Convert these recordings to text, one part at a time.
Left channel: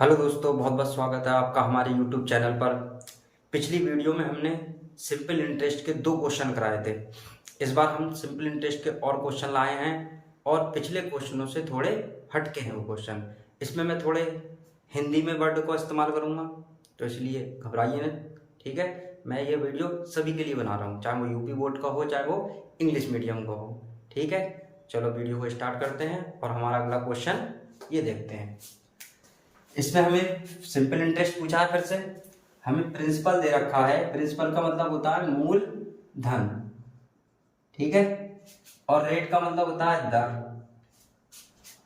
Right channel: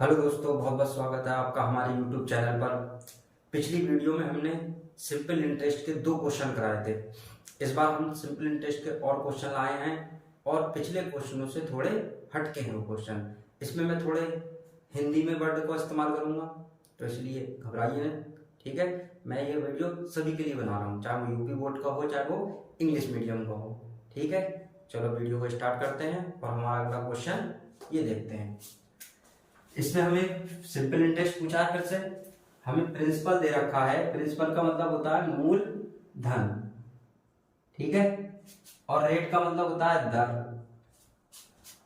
Hello दोस्तों, बहुत बहुत स्वागत है आपका हमारे यूट्यूब चैनल पर। पिछली वीडियो में हमने सिंपल इंटरेस्ट के 2 क्वेश्चन कराए थे। इस बार हम सिंपल इंटरेस्ट के और क्वेश्चन लाए हैं और पिछले क्वेश्चनों से थोड़े हटके हैं वो क्वेश्चन। इसमें मैं थोड़े हिंदी में वर्ड को इस्तेमाल करूँगा, तो इसलिए घबराइए ना। ठीक है, मैं ये वीडियो सभी के लिए बना रहा हूँ, चाहे वो यूपी बोर्ड का हो चाहे वो इंग्लिश मीडियम का हो। ठीक है, चलो वीडियो को स्टार्ट करते हैं और हमारा अगला क्वेश्चन ये देखते हैं। इसमें हमें सिंपल इंटरेस्ट पूछा है। फिर से हमें प्रिंसिपल दे रखा है। प्रिंसिपल का मतलब होता है मूल धन, ठीक है, और रेट का मतलब होता है दर,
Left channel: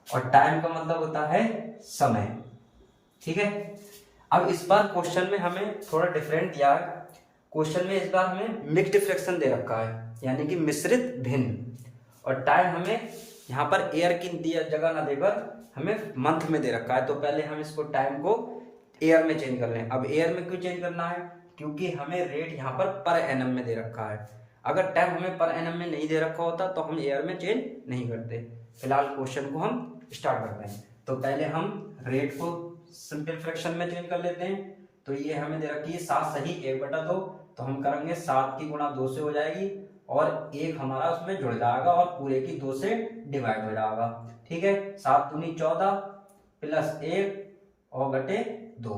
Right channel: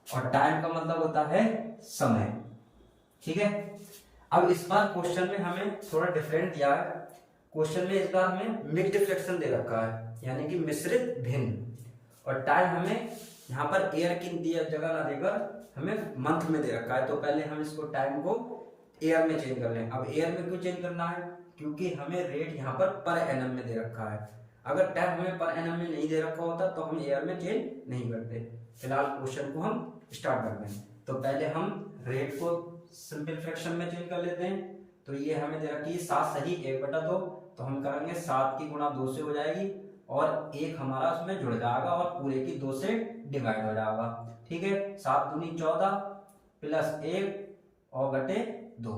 और टाइम का मतलब होता है समय। ठीक है, अब इस बार क्वेश्चन में हमें थोड़ा डिफरेंट दिया है। क्वेश्चन में इस बार हमें मिक्स्ड फ्रैक्शन दे रखा है, यानी कि मिश्रित भिन्न, और टाइम हमें यहाँ पर ईयर की जगह ना देकर हमें मंथ में दे रखा है। तो पहले हम इसको टाइम को ईयर में चेंज कर लें। अब ईयर में क्यों चेंज करना है? क्योंकि हमें रेट यहाँ पर एनम में दे रखा है। अगर टाइम हमें पर एनम में नहीं दे रखा होता तो हम ईयर में चेंज नहीं करते। फिलहाल क्वेश्चन को हम स्टार्ट करते हैं। तो पहले हम रेट को सिंपल फ्रैक्शन में चेंज कर लेते हैं। तो ये हमें दे रखी है 7 सही 1/2, तो हम करेंगे 7 की गुणा 2 से हो जाएगी और 1 हमारा उसमें जुड़ जाएगा और पूरे की 2 से डिवाइड हो जाएगा। ठीक है, 7 दूनी 14 प्लस 1 और बटे 2,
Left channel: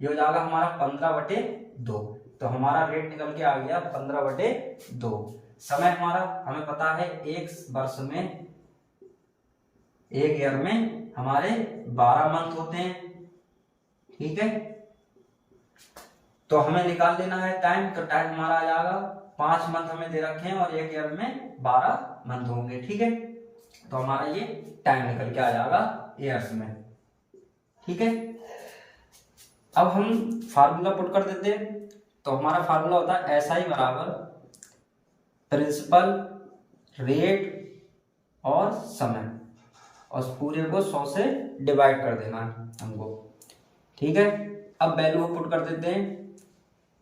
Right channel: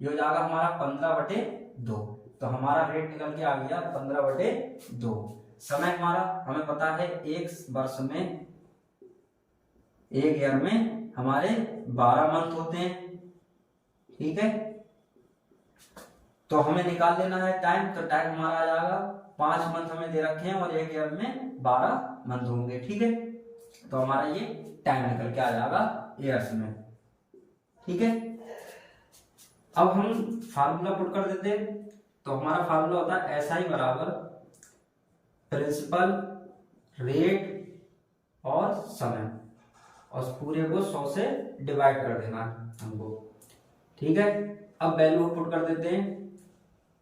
ये हो जाएगा हमारा 15/2। तो हमारा रेट निकल के आ गया 15/2। समय हमारा हमें पता है एक वर्ष में, एक ईयर में हमारे 12 मंथ होते हैं। ठीक है, तो हमें निकाल लेना है टाइम। तो टाइम हमारा आ जाएगा 5 मंथ हमें दे रखे हैं और एक ईयर में 12 मंथ होंगे। ठीक है, तो हमारा ये टाइम निकल के आ जाएगा ईयर्स में। ठीक है, अब हम फार्मूला पुट कर देते हैं। तो हमारा फार्मूला होता है SI बराबर प्रिंसिपल, रेट और समय, और पूरे को 100 से डिवाइड कर देना है हमको। ठीक है, अब वैल्यू पुट कर देते हैं।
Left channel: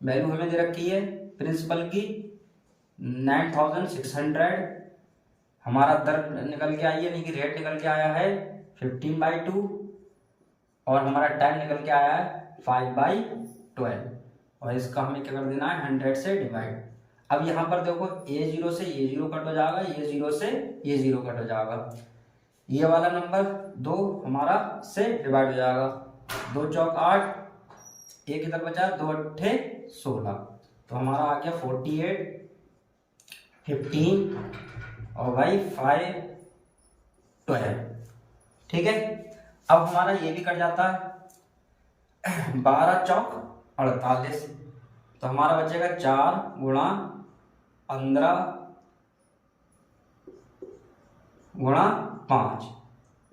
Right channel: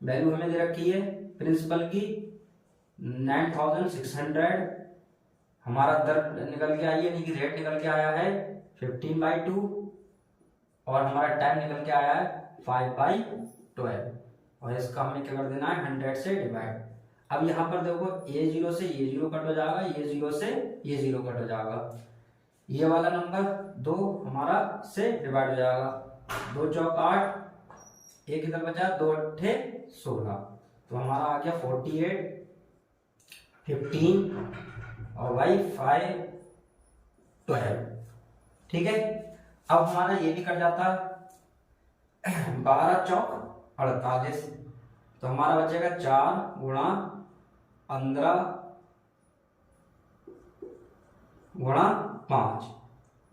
वैल्यू हमें दे रखी है प्रिंसिपल की 9600, हमारा दर निकल के आई है, यानी कि रेट निकल के आया है 15/2, और हमारा टाइम निकल के आया है 5/12, और इसका हमें क्या कर देना है 100 से डिवाइड। अब यहाँ पर देखो ये 0 से ये 0 कट हो जाएगा, ये 0 से ये 0 कट हो जाएगा, ये वाला नंबर 2 हमारा से डिवाइड हो जाएगा। 2 चौक 8, एक इधर बचा 2 अट्ठे 16, तो हमारा आ गया 48, 15 और भाई 5 12। ठीक है, अब हमारा ये भी कट जाता है 12 चौक 48, तो हमारा बचेगा 4 गुणा 15 गुणा 5,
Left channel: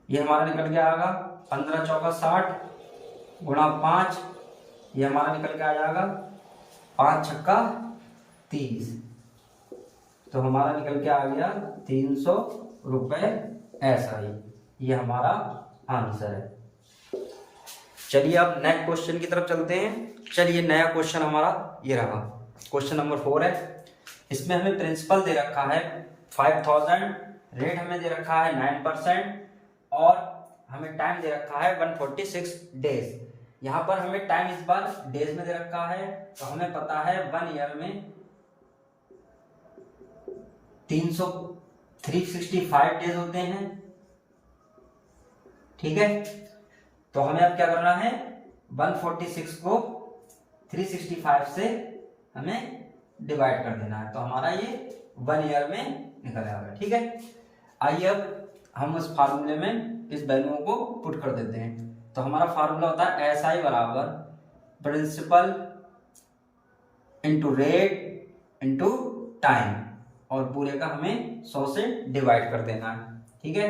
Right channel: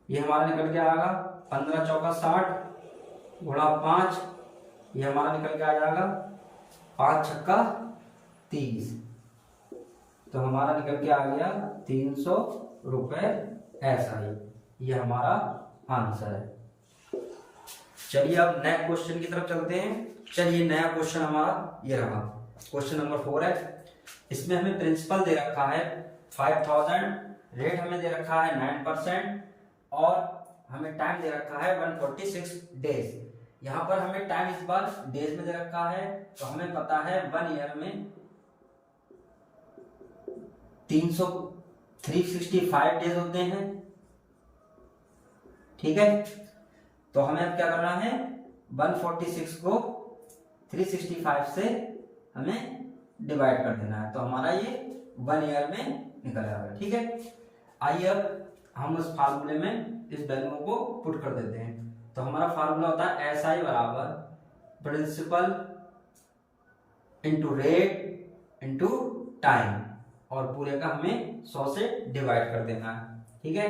ये हमारा निकल के आएगा 15 चौका 60 गुणा 5, ये हमारा निकल के आ जाएगा 5 छक्का 30, तो हमारा निकल के आ गया 300 रुपए SI। ये हमारा आंसर है। चलिए अब नेक्स्ट क्वेश्चन की तरफ चलते हैं। चलिए नया क्वेश्चन हमारा ये रहा, क्वेश्चन नंबर 4 है। इसमें हमें प्रिंसिपल दे रखा है 5000, रेट हमें दे रखा है 9%, और हमें टाइम दे रखा है 146 डेज। यहाँ पर हमें टाइम इस बार डेज में दे रखा है, तो हमें पता है 1 ईयर में 365 डेज होते हैं। ठीक है, तो हमें अब क्या करना है 146 को 365 से हमें डिवाइड कर देना है, तो हमारा ये 1 ईयर में निकल आएगा। ठीक है, आइए अब हम उस फार्मूले में इस वैल्यू को पुट कर देते हैं। तो हमारा फार्मूला होता है SI बराबर principal into rate into time, और पूरे का हमें 100 से डिवाइड कर देना है। ठीक है,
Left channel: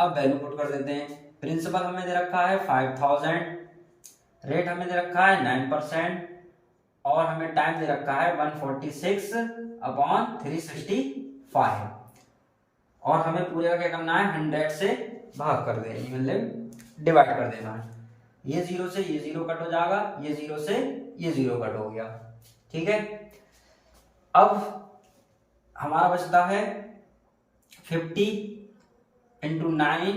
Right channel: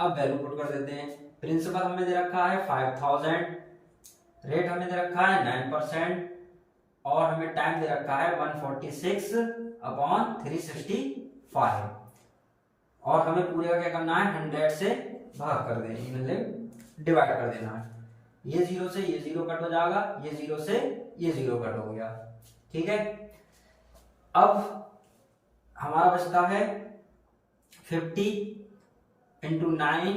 अब वैल्यू पुट कर देते हैं। प्रिंसिपल हमें दे रखा है 5000, रेट हमें दे रखा है 9%, और हमें टाइम दे रखा है 146/365, और हमें पूरे का क्या करना है 100 से भाग कर देना, मतलब डिवाइड कर देना है। ये 0 से ये 0 कट हो जाएगा, ये 0 से ये 0 कट हो गया। ठीक है, अब हमारा बचता है 50 × 9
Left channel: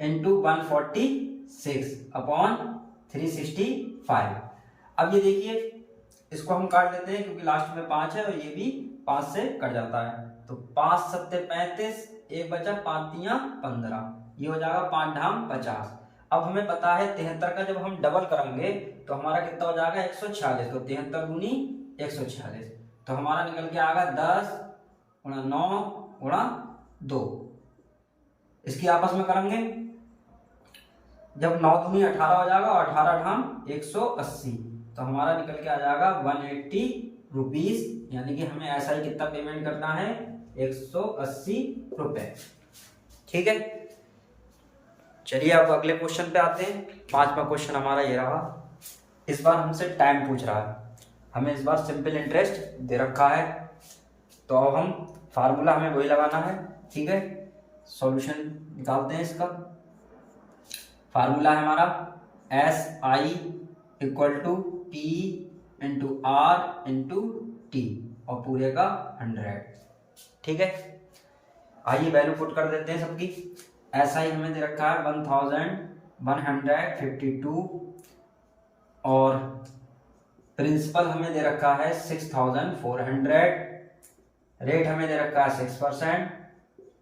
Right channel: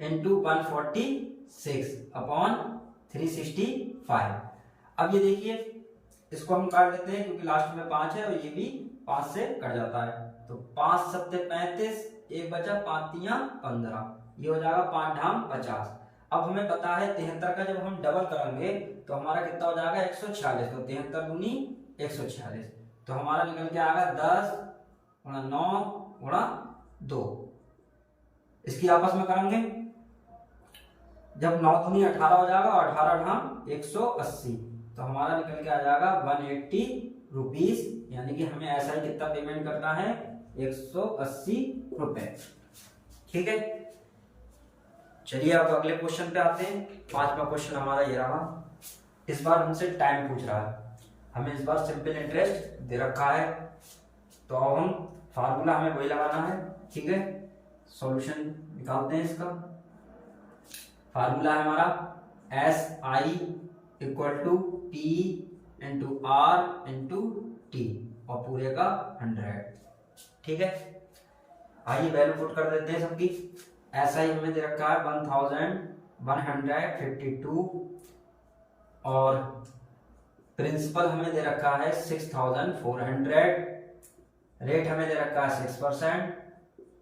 × 146, 6/365। अब ये देखिए इसको हम काट देते हैं क्योंकि लास्ट में 5 है और ये भी 5 से कट जाता है, तो 5 7 35, एक बचा 5 3 15, ये हो जाएगा 5 ढाम 50। अब हमें पता है 73 का जब हम डबल करेंगे तो हमारा कितना हो जाएगा 146, तो 73 दूनी 146, तो हमारा निकल के आएगा 10 गुणा 9 गुणा 2। इसकी आपस में करेंगे, जब 9 दूनी 18 हो जाएगा और 18 ढाम 180, तो हमारा निकल के आ जाएगा 180 रुपीज, यानी कि हमें ऐसा ही कितना पेमेंट करना है 180 रुपए। ठीक है, चलिए अब अगले क्वेश्चन पे आते हैं। 5वां क्वेश्चन हमारा ये रहा। इस बार हमसे टाइम पूछ रहा है, हमें इस बार सिंपल इंटरेस्ट दे रखा है, तो अब हम फार्मूला हमें वही लगाना है। ठीक है, सॉल्यूशन निकालते हैं। इसका फार्मूला है हमारा SI equal to P into R into T और पूरे का 100। ठीक है, आइए वैल्यू पुट कर देते हैं सबकी। SI हमें दे रखा है 1152 और प्रिंसिपल हमें दे रखा है 6400, रेट हमें दे रखा है 6%,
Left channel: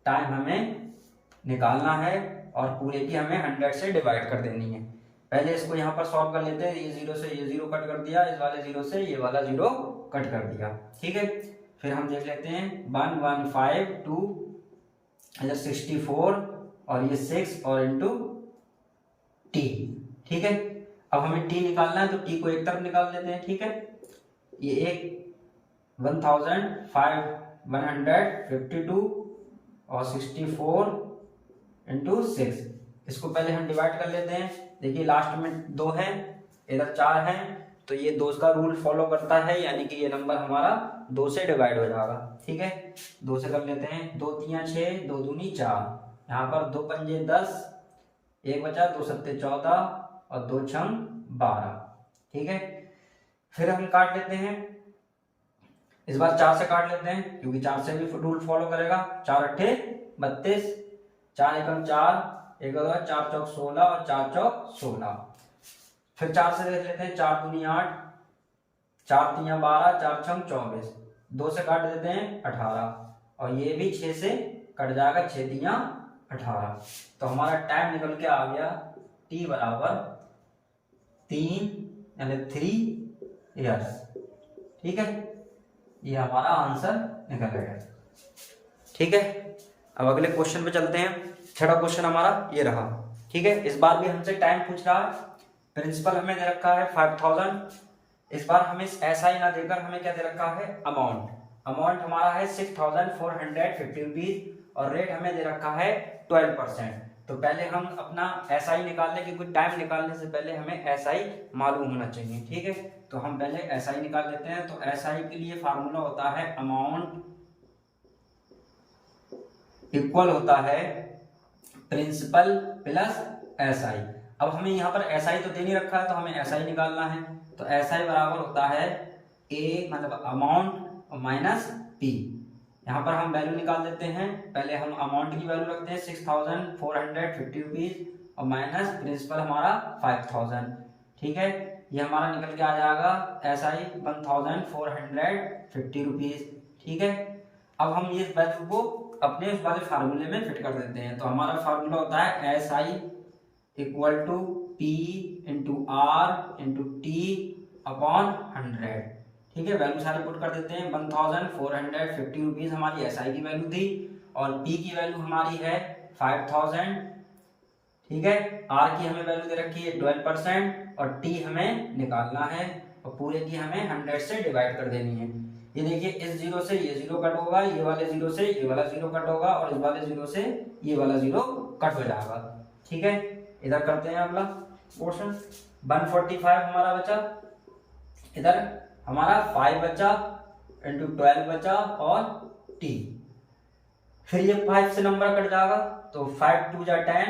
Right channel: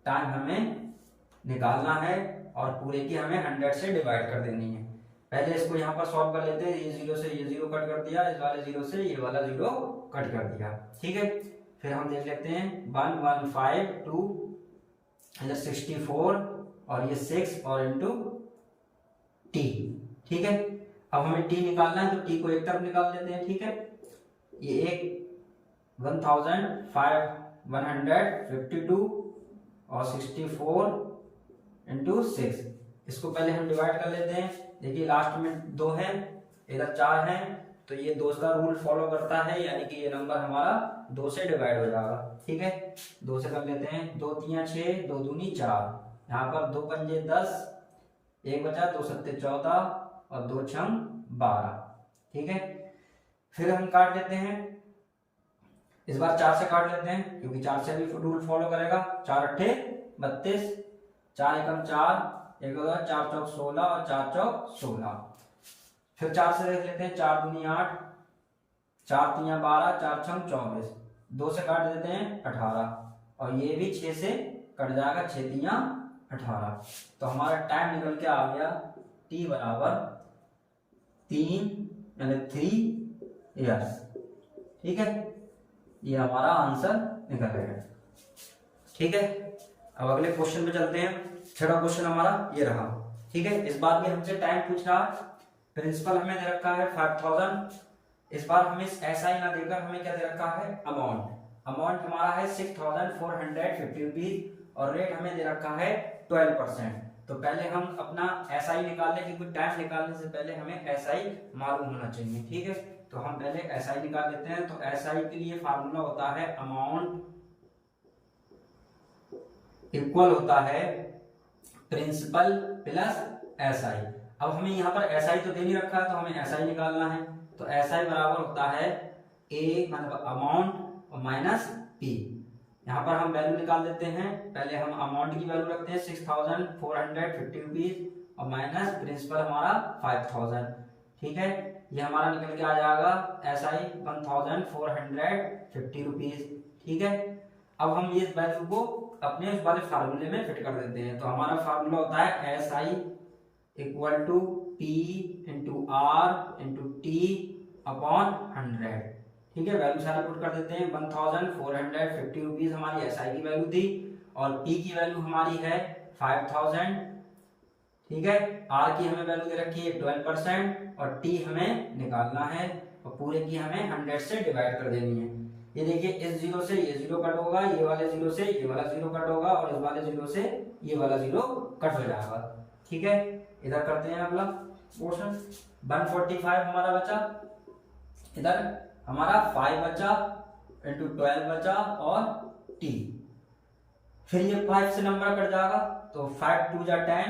टाइम हमें निकालना है और पूरे की हमें 100 से डिवाइड कर देनी है। पहले इसको यहाँ पर सॉल्व कर लेते हैं। ये 0 से ये 0 कट कर दिया, इस वाले 0 से ये वाला 0 कट कर दिया। ठीक है, फिर हम देख लेते हैं 1152, इधर 64 और ये 6 और इंटू T। ठीक है, अब हमें T निकालना है तो T को एक तरफ निकाल लेते हैं। ठीक है, ये एक 1552 और 64 इंटू 6, इसको पहले हम डिवाइड कर लेते हैं। देखिए लास्ट में 2 है, इधर 4 है, तो ये 2 का रूल फॉलो करता है, यानी कि ये नंबर हमारा 2 से डिवाइड हो जाएगा। ठीक है, 2 से कर लेते हैं, 2 3 6, 2 दूनी 4, यहाँ पर 2 पंजे 10, एक बचा, 2 सत्ते 14 और 2 छंग 12। ठीक है, फिर हम काट लेते हैं। इस बार 4 से काट लेते हैं क्योंकि 4 से भी रूल फॉलो करेगा। 4 अट्ठे 32, 4 एकम 4, 1 4 चौक 16 और 4 चौक 16। फिर 4 से देख लेते हैं, 4 दूनी 8, 4 3 12, 4 छंग 24, 2 से काट देते हैं 18 और ये भी 6 से कट जाएगा, 6 3 18। तो हमारा टाइम निकल के आ गया T बराबर 3 यानी 3 ईयर्स। ठीक है, ये हमारा आंसर निकल गया। ठीक है, अब अगले क्वेश्चन पे चलते हैं। 6वां क्वेश्चन हमारा ये रहा। ठीक है, इस बार भी हमसे टाइम पूछ रहा है। प्रिंसिपल हमें दे रखा है 5000। इस बार हमें SI ना देकर हमें क्या दे रखा है अमाउंट। अमाउंट हमारा है 6450 रुपीज और रेट हमें दे रखा है 12%। तो पहले हम अपना SI निकाल लें क्योंकि टाइम निकालने से पहले हमें SI मालूम होना चाहिए। ठीक है, तो हम पहले SI निकाल लेते हैं। तो SI के लिए फार्मूला होता है अमाउंट इक्वल होता है प्रिंसिपल प्लस SI। अब हमें यहाँ पर SI तो दे नहीं रखा है तो हमें SI निकालना है। तो SI बराबर होता है A मतलब अमाउंट माइनस P। यहाँ पर हम वैल्यू निकाल देते हैं। पहले हम अमाउंट की वैल्यू रखते हैं 6450 रुपीज और माइनस प्रिंसिपल हमारा 5000। ठीक है, ये हमारा निकल के आ जाएगा SI 1450 रुपीज। ठीक है, अब हम ये वैल्यू को अपने उस वाले फार्मूले में फिट कर देते हैं। तो हमारा फार्मूला होता है SI equal to P into R into T upon 100। ठीक है, वैल्यू सारे पुट कर देते हैं। 1450 रुपीज हमारी SI की वैल्यू थी और P की वैल्यू हमारी है 5000। ठीक है, R की हमें वैल्यू दे रखी है 12% और T हमें निकालना है और पूरे की हमें 100 से डिवाइड कर देनी है। ये देखिए इस 0 से ये 0 कट होगा, ये वाले 0 से ये वाला 0 कट होगा और इस वाले 0 से ये वाला 0 कट हो जाएगा। ठीक है, इधर करते हैं अगला पोर्शन। 145 हमारा बचा, इधर हमारा 5 बचा इंटू 12 बचा और T। फिर ये 5 से नंबर कट जाएगा तो 5 2 जा 10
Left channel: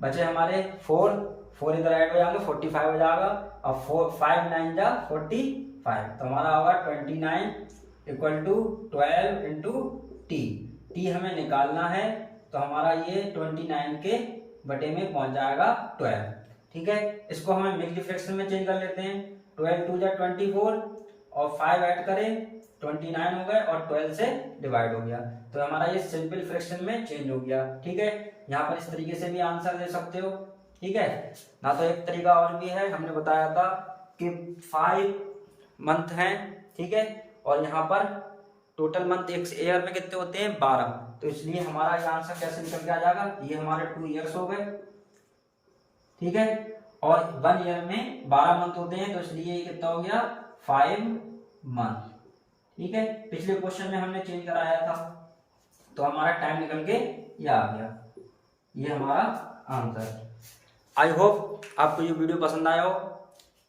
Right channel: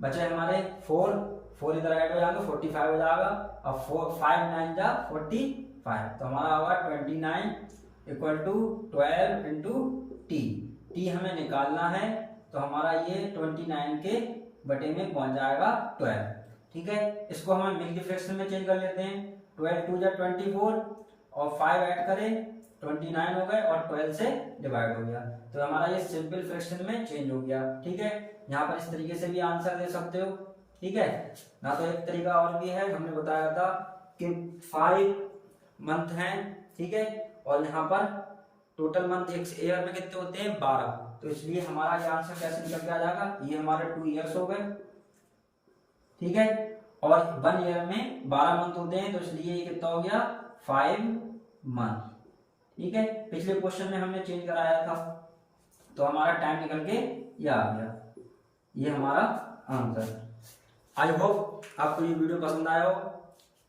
बचे हमारे 4 इधर ऐड हो जाएंगे 45 हो जाएगा और 5 9 जा 45। तो हमारा होगा 29 equal to 12 into T। T हमें निकालना है तो हमारा ये 29 के बटे में पहुंच जाएगा 12। ठीक है, इसको हमें मिक्स्ड फ्रैक्शन में चेंज कर लेते हैं। 12 2 जा 24 और 5 ऐड करें 29 हो गए और 12 से डिवाइड हो गया, तो हमारा ये सिंपल फ्रैक्शन में चेंज हो गया। ठीक है, यहाँ पर इस तरीके से भी आंसर दे सकते हो। ठीक है ना, तो एक तरीका और भी है, हमने बताया था कि 5 मंथ हैं। ठीक है, और यहाँ पर टोटल मंथ एक ईयर में कितने होते हैं 12, तो इसलिए हमारा ये आंसर कैसे निकल के आ जाएगा, ये हमारे 2 ईयर्स हो गए। ठीक है, और 1 ईयर में 12 मंथ होते हैं, तो इसलिए ये कितना हो गया 5 मंथ। ठीक है, पिछले क्वेश्चन में हमने चेंज कराया था, तो हमारा टाइम निकल के ये आ गया, ये हमारा आंसर। आई होप आपको ये वीडियो पसंद आया हो।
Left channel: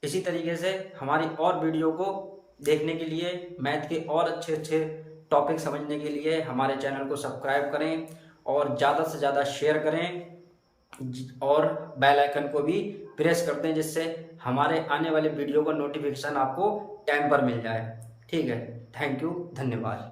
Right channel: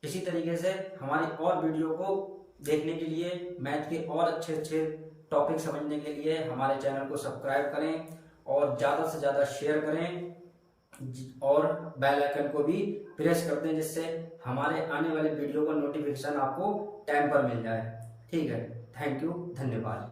इसी तरीके से हमारी और वीडियो को देखने के लिए, मैथ के और अच्छे अच्छे टॉपिक समझने के लिए हमारे चैनल को सब्सक्राइब करें और ज़्यादा से ज़्यादा शेयर करें और बेल आइकन को भी प्रेस कर दें, जिससे हमारे आने वाले वीडियो का नोटिफिकेशन आपको टाइम पर मिल जाए। ठीक है, थैंक यू, धन्यवाद।